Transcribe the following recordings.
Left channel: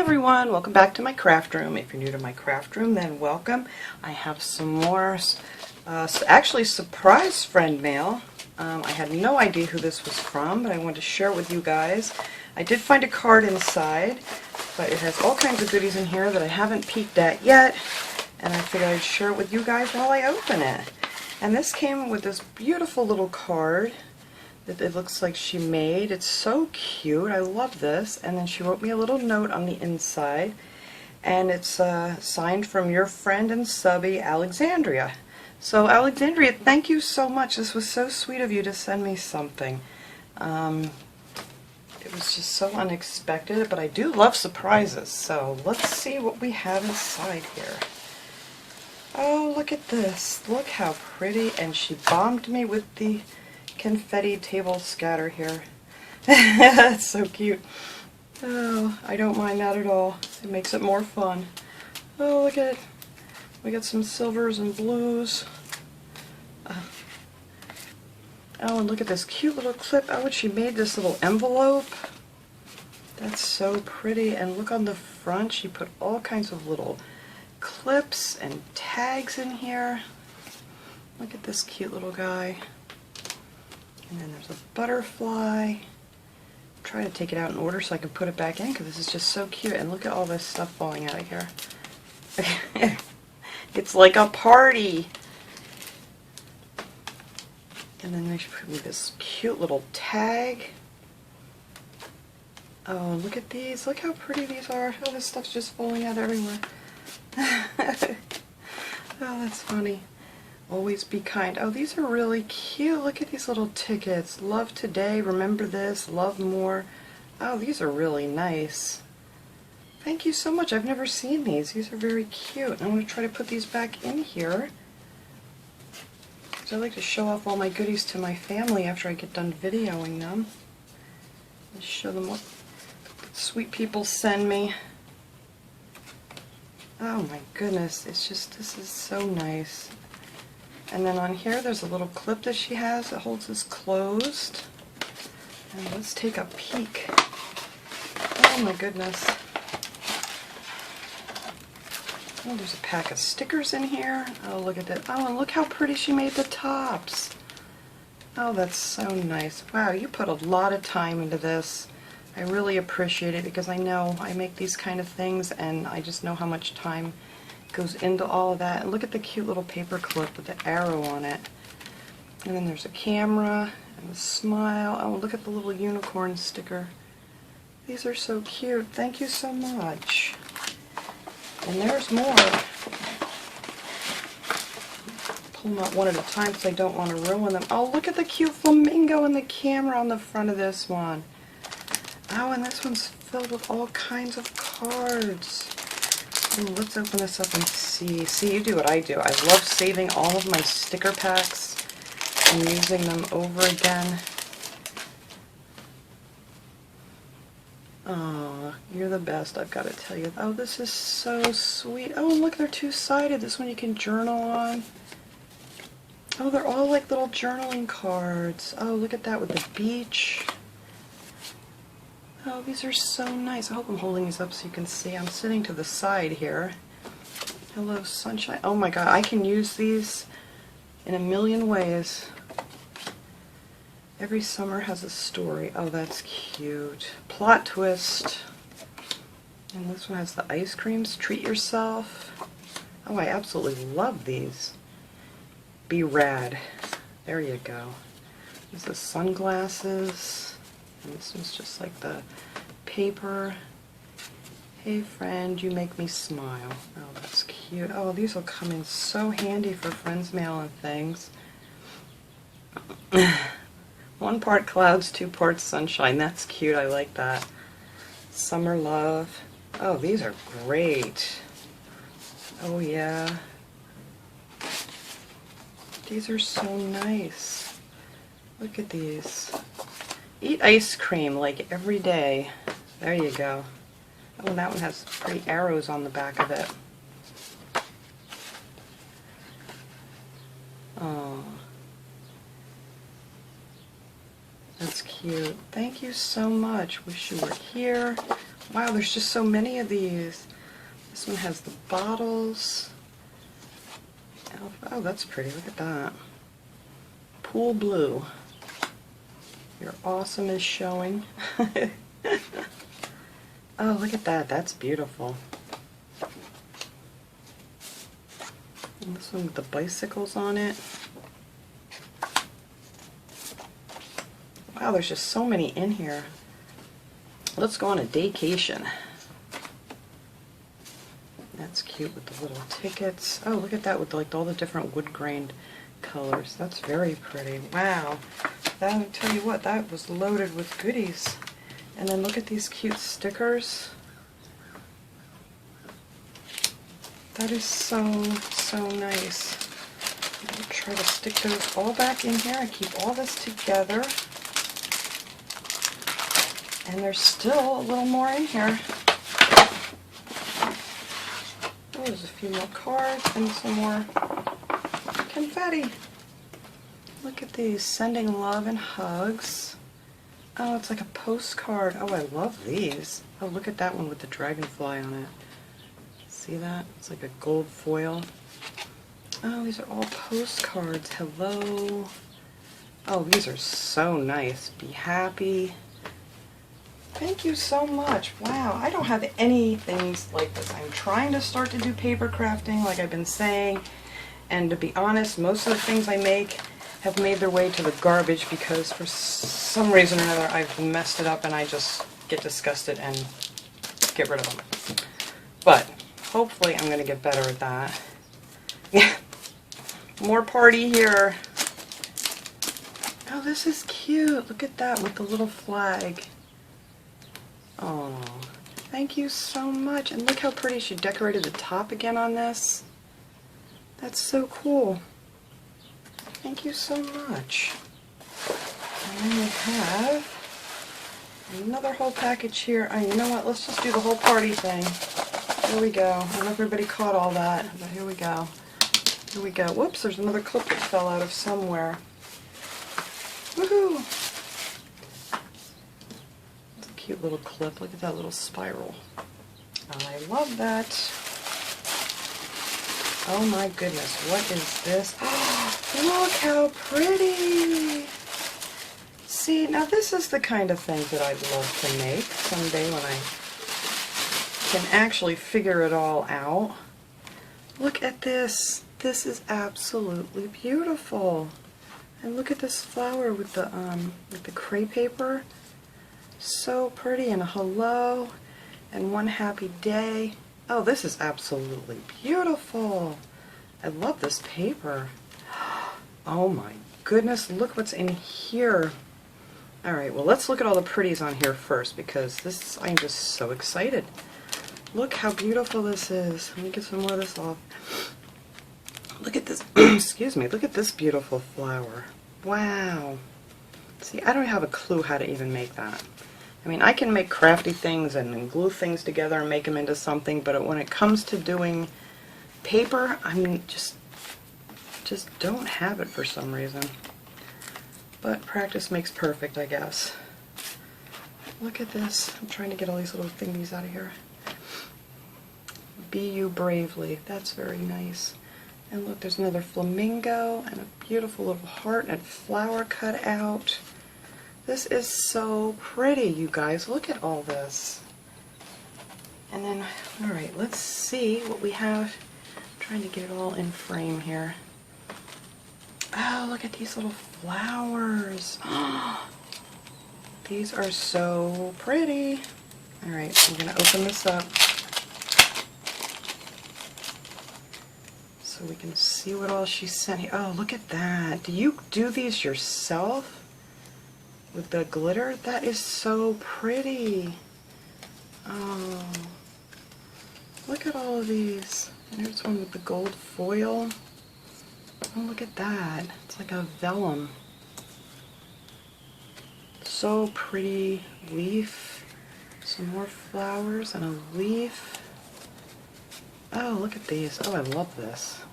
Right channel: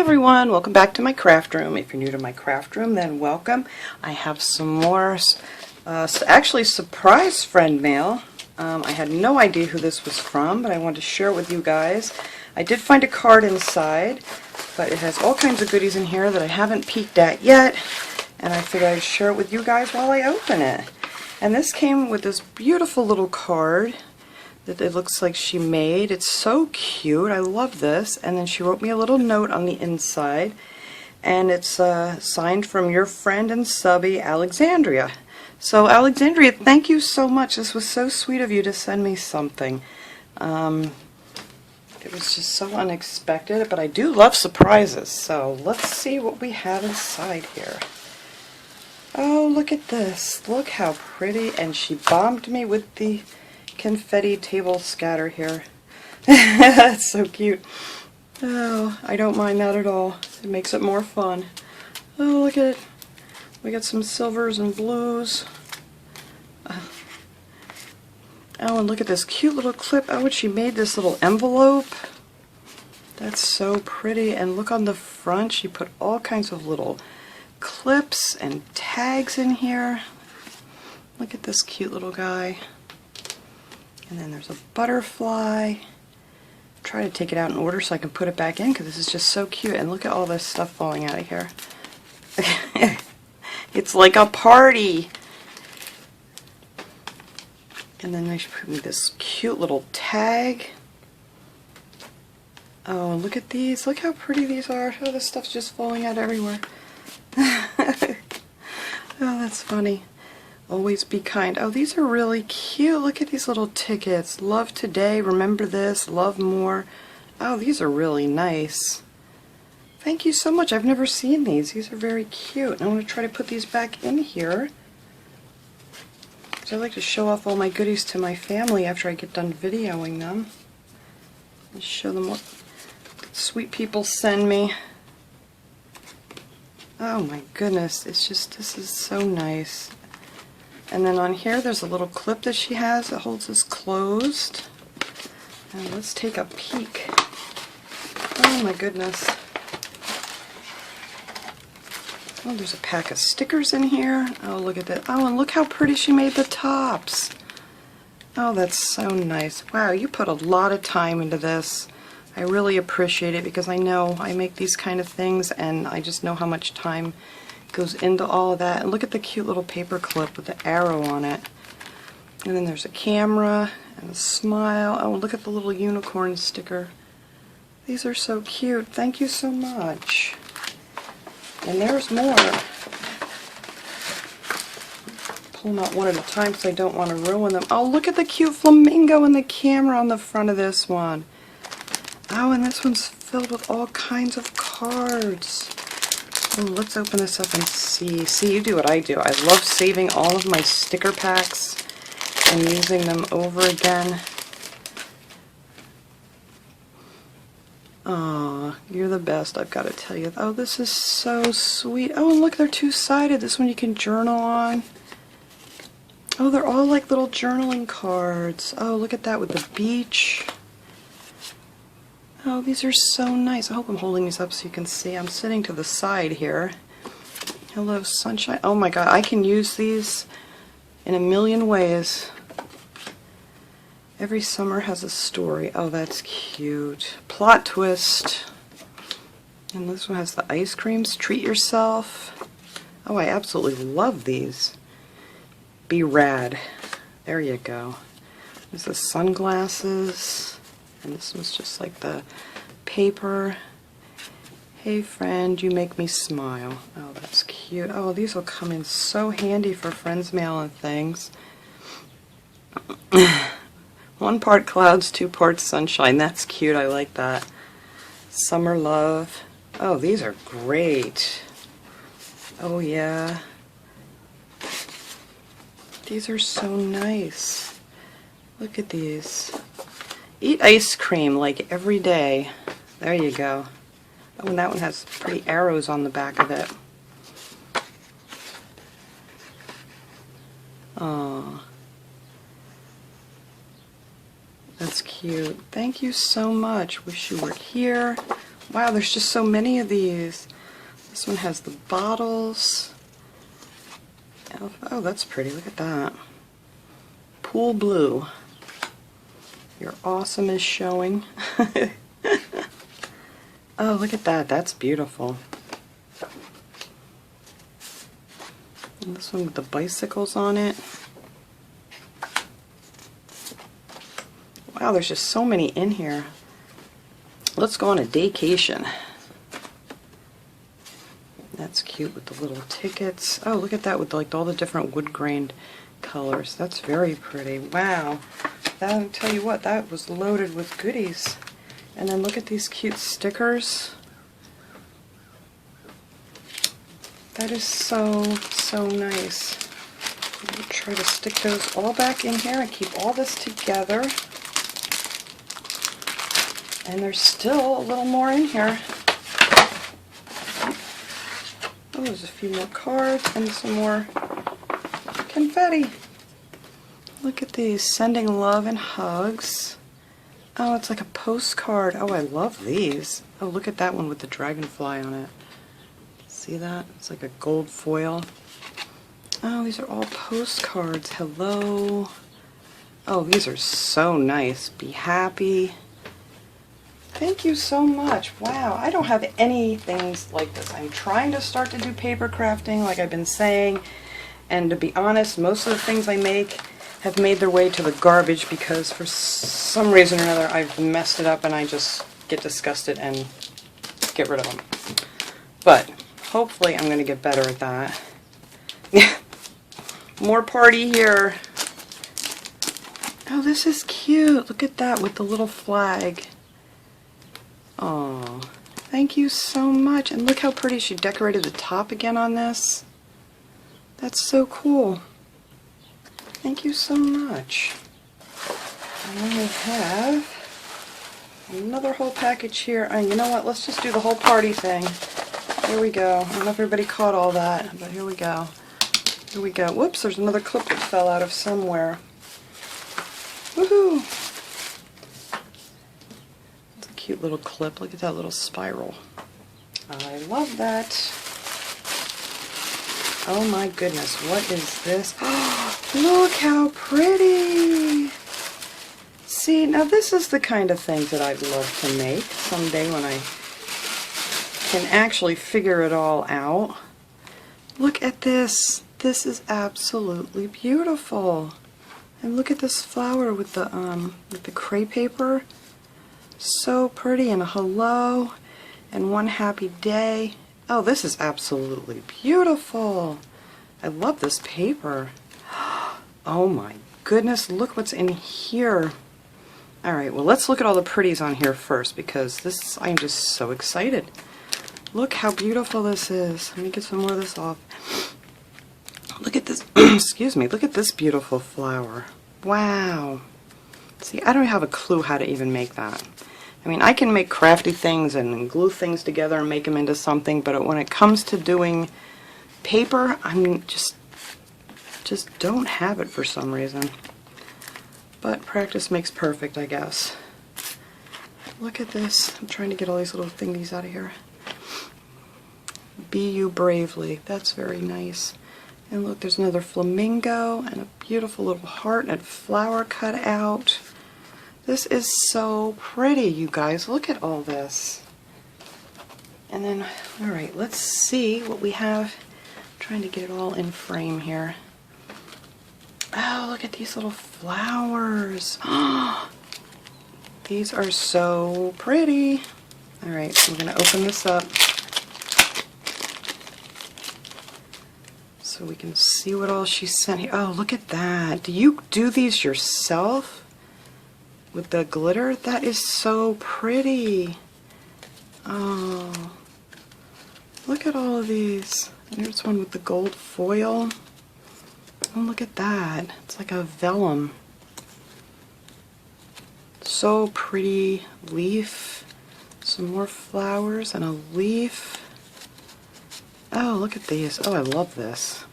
everyone, welcome back to my craft room. If you're new to my craft room, then welcome. I have some more, actually surprise friend mail. I had no idea who this was from, but I wanted to share it with you guys. I did find a card inside, but it has all kinds of goodies in here that I haven't peeked at yet, and I figured I'd share it with you guys while I open it. And this came with this beautiful little card that it looks like she made. It's so cute. I love this. And then she wrote me a little note on the inside, and it's signed from your friend and subby Alexandra. So Alexandra, thank you so much. This was so sweet of you to send me something. It was just so unexpected, but I do love surprises. So let's see what we have inside here. Oh, look at this. Look how pretty. And she bombed me with the confetti table scatter here. That's so cute. Oh, I don't mind that at all. It makes it more fun. Oh, look at it. We got some silvers and blues. Oh, and look at this cute little clip. Oh, and she made this little envelope. That's so pretty. And look on the front, she put all kinds of little clips and tags in here. Look at this cute little guy. And then there's a butterfly. Try to take it out in order so I can put it back in because this is just so cute. And look at all this stuff falling out of here. It's like a party. And then they put me this cute little tag. Oh, look at these. Look how pretty these are. Oh, this stuff's just falling out everywhere. Oh, that's funny. Always be kind. Oh, these are really cute. Look at these little tickets. Love today, remember this, love more. Oh, these are really nice. Thank you so much. I've never seen these. These are very cute. I want to try to put these back in here. So I like to show off all my goodies to my family after I get done videoing them. And show them what sweet people send me. Oh my goodness, it's just, this is so nice. And then on here there's a little clip that she has that holds this closed. And let's take a peek. Oh my goodness. Oh, there's a pack of stickers in here. Oh, look at that. Oh, and look how pretty she made the tops. Oh, that's so nice. Wow, you put a lot of time into this. I really appreciate it because I know I make these kind of things and I just know how much time goes into all of that. And look at the cute little paper clip with the arrow on it. And then there's a camera and a smile. Oh, look at the little unicorn sticker. These are so cute. Thank you so much. And there's more. Pull them out one at a time because I don't want to ruin them. Oh, look at the cute flamingo and the camera on the front of this one. Oh, and this one's filled with all kinds of cards. Oh, let's open this up and see. See, you do what I do. I love saving all of my sticker packs and using them over again. Aw, you're the best, I've got to tell you. Oh, this is so sweet. Oh, and look, they're two-sided. This one you can journal on. Oh, they're all like little journaling cards. Oh, look at that with the beach. Oh, these are so nice. I hope I'm holding these up so you can see. I'm sitting to the side here. Hello, sunshine. Oh my god, I can use these in a million ways. Every summer has a story. Oh, that's cute. Plot twist. And this one has the ice creams. Treat yourself. Oh, I absolutely love these. Be rad. There you go. These are the sunglasses. And this one's just like the paper. Hey friend, you make me smile. Oh, that's cute. Oh, these will come in so handy for friends mail and things. 1 part clouds, 2 parts sunshine. That's cute. I like that. Summer love. Oh, these are great. Oh, yeah. These are so nice. Look at these. Eat ice cream like every day. There you go. Oh, and that one has pretty arrows on the back of it. Oh, that's cute. Thank you so much. Wish you were here. Wow, there's just so many of these. This one has the bottles. Oh, that's pretty. Look at that. Pool blue. Your awesome is showing. Oh, look at that. That's beautiful. And this one with the bicycles on it. Wow, there's just so many in here. Let's go on a daycation. That's cute with the little tickets. Oh, look at that with like all the different wood grained colors. That's very pretty. Wow. I'll tell you what, that was loaded with goodies. And then look at these cute stickers. That is so, so nice. I'll try to stick those all back in here and keep all this together. And there's still a little more in here. Oh, there's a few more cards and some more confetti. Look at these, sending love and hugs. Oh, it's like a postcard. Oh, I love these. Oh, look at that one with the dragonfly on it. See that? It's like a gold foil. Oh, these are all postcards. Hello. Oh, these are so nice. Be happy. Thank you so much. Wow, I don't have any things like this. I'm trying to start to do paper crafting, like I've been saying. And to be honest, most of the things I make have made their way to the garbage because for some reason or another I've messed it up and I just get disgusted and get rid of them. But hopefully I'm going to get better at that. More party here. Oh, this is cute. Look at that with the little flag. Oh, thank you so much. And look how pretty she decorated the top again on this. That's so cool. Thank you so much. And we have another whole package here. And you know what? Let's just do the whole party thing. Here we go. I don't know if everybody caught all that, but here we go. Here we go. Whoops, there's another clip that fell out of somewhere. Woohoo! It's a cute little clip. Look at that little spiral. I love that. Oh my goodness, what is this? Look how pretty! See, now this is the kind of thing that I'd love to make someday when I can actually figure it all out. Look at this. This is absolutely beautiful. And look at this flower with the crepe paper. So pretty, and a hello, and one happy day. Oh, this is absolutely beautiful. I love this paper. Oh my goodness, look what's in here. Alright, well let's look at all the pretties on here first because this, I'm just so excited. Look how beautiful this is. Let me get some more of this off. Look at this, excuse me, look at this beautiful flower. Wow. See, I don't have a clue how to even make that. I mean, I can make crafty things and glue things together and make them into something, but when it comes to doing paper, I mean, just don't have it for some reason. But practice makes perfect, I guess. Look at this. I'm trying to get all these little thingies out of here. Be you bravely. That's very nice. And look, there's another flamingo and a beautiful little heart and a flower cut out. This is so pretty, you guys. Look at all this. And then, alright, let's see what we have. I'm trying to get it all in frame here. Oh, look at these little flowers. These are so pretty. Alright, I'm going to open this up so we can see what all she sent here. Oh, look at that. Do you do these yourself? With the glitter? That is so pretty. Oh, look at all of these. There's one with the gold foil. Oh, look at that. It's like a vellum. So pretty. Leaf. Some more flowers and a leaf. Oh, look at these. Oh, I love this.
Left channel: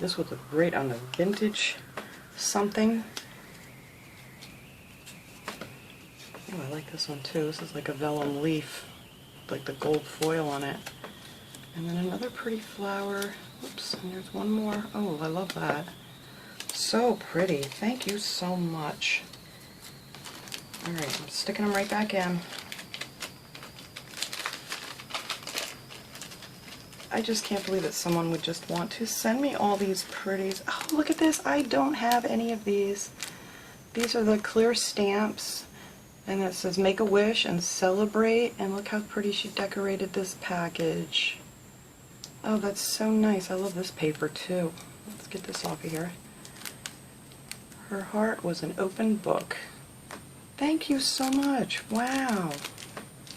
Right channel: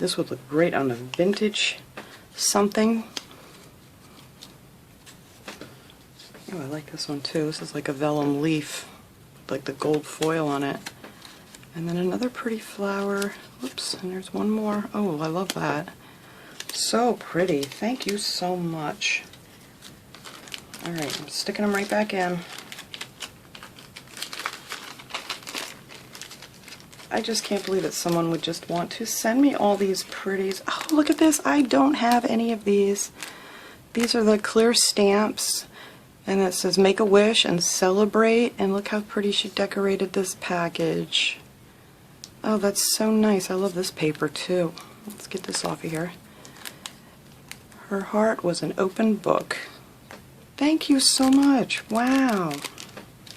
This would look great on a vintage something. Oh, I like this one too. This is like a vellum leaf. like the gold foil on it. And then another pretty flower. Oops, and there's one more. Oh, I love that. So pretty. Thank you so much. Alright, I'm sticking them right back in. I just can't believe that someone would just want to send me all these pretties. Oh, look at this. I don't have any of these. These are the clear stamps. And it says make a wish and celebrate. And look how pretty she decorated this package. Oh, that's so nice. I love this paper too. Let's get this off of here. Her heart was an open book. Thank you so much. Wow.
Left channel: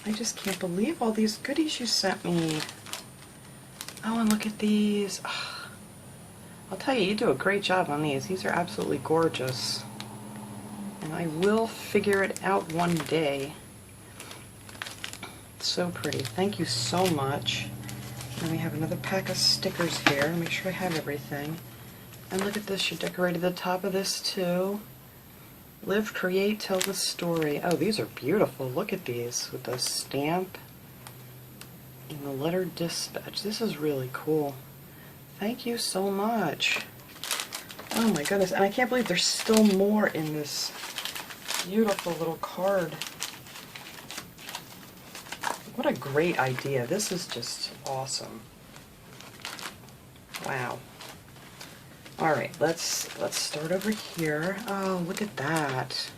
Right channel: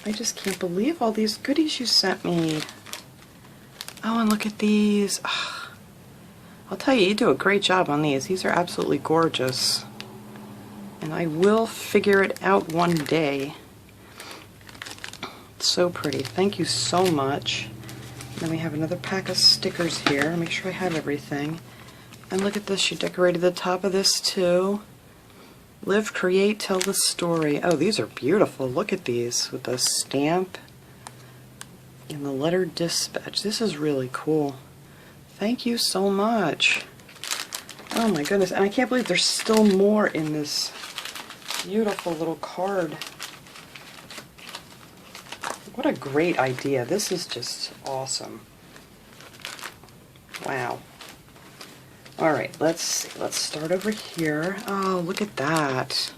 I just can't believe all these goodies you sent me. Oh, and look at these. Oh, I'll tell you, you do a great job on these. These are absolutely gorgeous. And I will figure it out one day. It's so pretty. Thank you so much. Then we have another pack of stickers here to make sure I have everything. And look at this. She decorated the top of this too. Live, create, tell the story. Oh, these are beautiful. Look at these with the stamp and the letter dispatch. This is really cool. Thank you so much. Oh my goodness. And I can't believe there's still more in this beautiful little card. What a great idea. This is just awesome. Wow. Alright, let's start over here. Oh, look at that.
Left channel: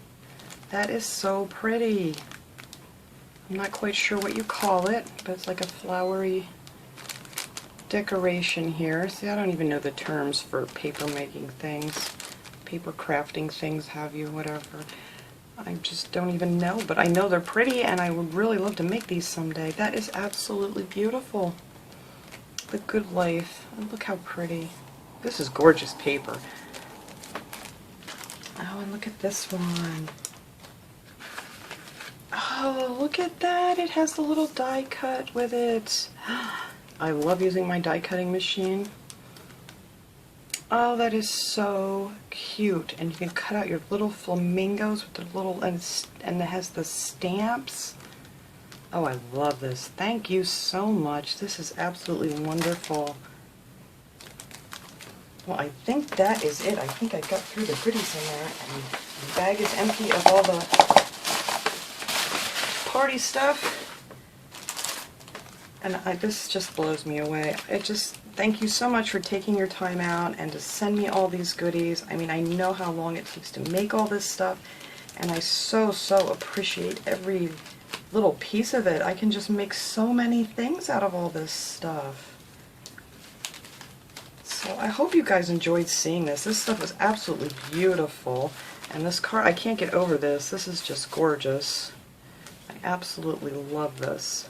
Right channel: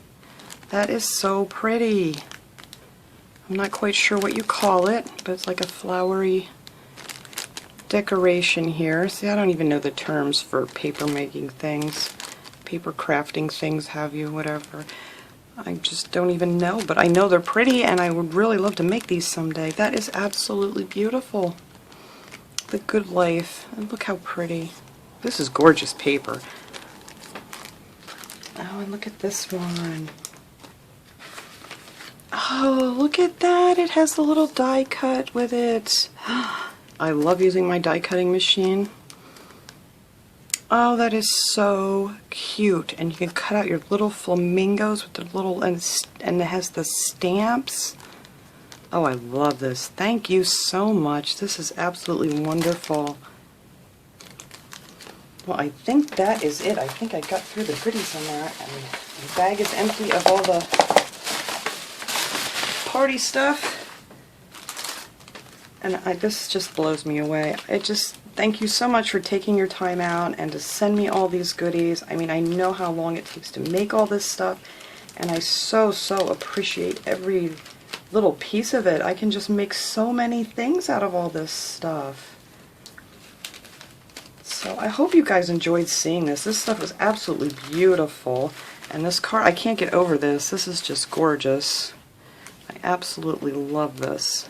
That is so pretty. I'm not quite sure what you call it, but it's like a flowery decoration here. See, I don't even know the terms for paper making things, paper crafting things, have you, whatever. I just don't even know, but I know they're pretty and I would really love to make these someday. That is absolutely beautiful. The Good Life. And look how pretty. This is gorgeous paper. Oh, and look at this one. Oh, look at that. It has the little die cut with it. I love using my die cutting machine. Oh, that is so cute. And you can cut out your little flamingos with the little, and it has the stamps. Oh, I love this. Thank you so much. This is absolutely wonderful. Well, I think that is it. I think I got through the goodies on that, and the bag is empty of all the party stuff. And this just blows me away. Thank you so much for taking your time out and to send me all these goodies. I mean, I know how long it takes to make all this stuff, and I so appreciate every little piece of it. I can just make so many things out of all this stuff. So I hope you guys enjoyed seeing this. This stuff is absolutely beautiful. And this card, I can't get over this. This is just gorgeous. I absolutely love this.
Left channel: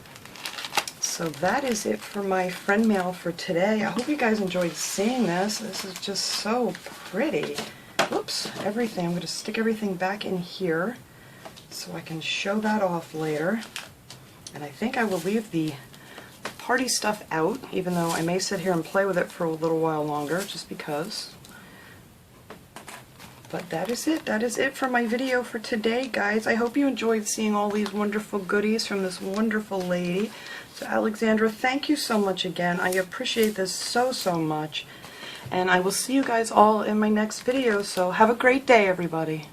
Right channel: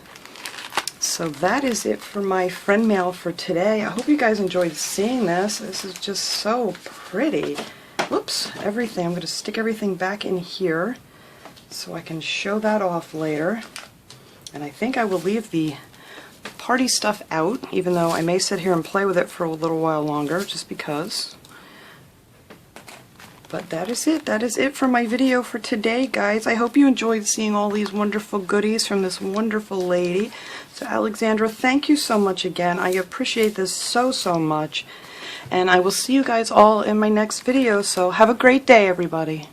So that is it for my friend mail for today. I hope you guys enjoyed seeing this. This is just so pretty. Whoops, everything. I'm going to stick everything back in here so I can show that off later. And I think I will leave the party stuff out, even though I may sit here and play with it for a little while longer, just because. But that is it. That is it for my video for today, guys. I hope you enjoyed seeing all these wonderful goodies from this wonderful lady. So Alexandra, thank you so much again. I appreciate this so much. And I will see you guys all in my next video. So have a great day, everybody.